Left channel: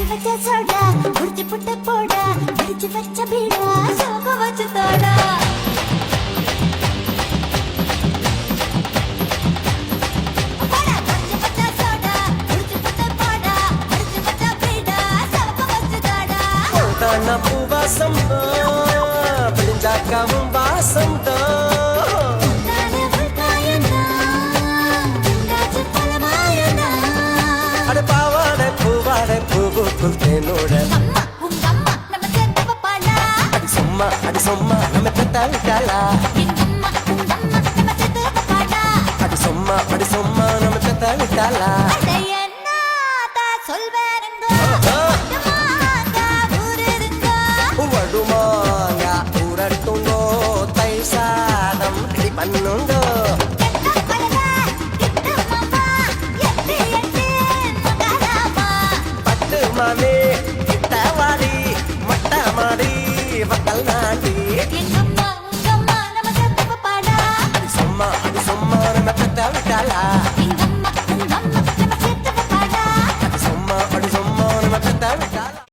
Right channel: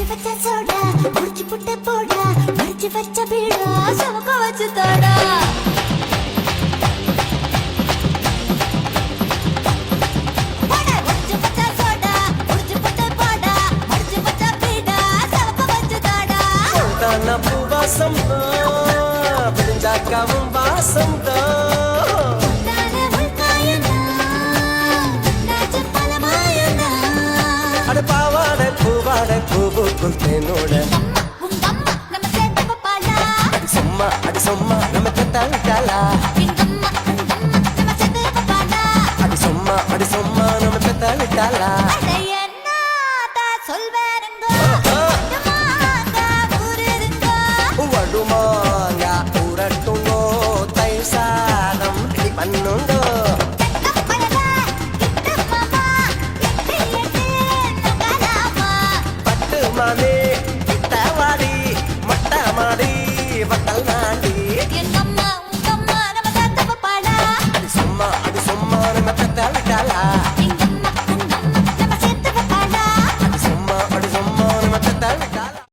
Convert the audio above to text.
அடிச்சு வச்ச சோடா முடிச்சு புட்ட போடா அடிச்சு வச்ச பீடா சமக்க வச்சு தோடா பூவாசம் விடிஞ்சாக்காவும் வாசம் அட பாவாடை பூவாடை பூவுக்குள் தேனோட அடி சொம்மா நம்ம பெத்தா விட்டாளா அடி சொம்மா நம்ம பெத்தா விட்டாளா வடுமாங்க ஊரட்டுங்கோ தை சாதம் ரெடி பண்ணுங்கோ பட்டு மாமே கிட்டவாடி மொட்டை மாடி வக்கல் நாண்டி அடி சொம்மா நம்ம பெத்த விட்டாளா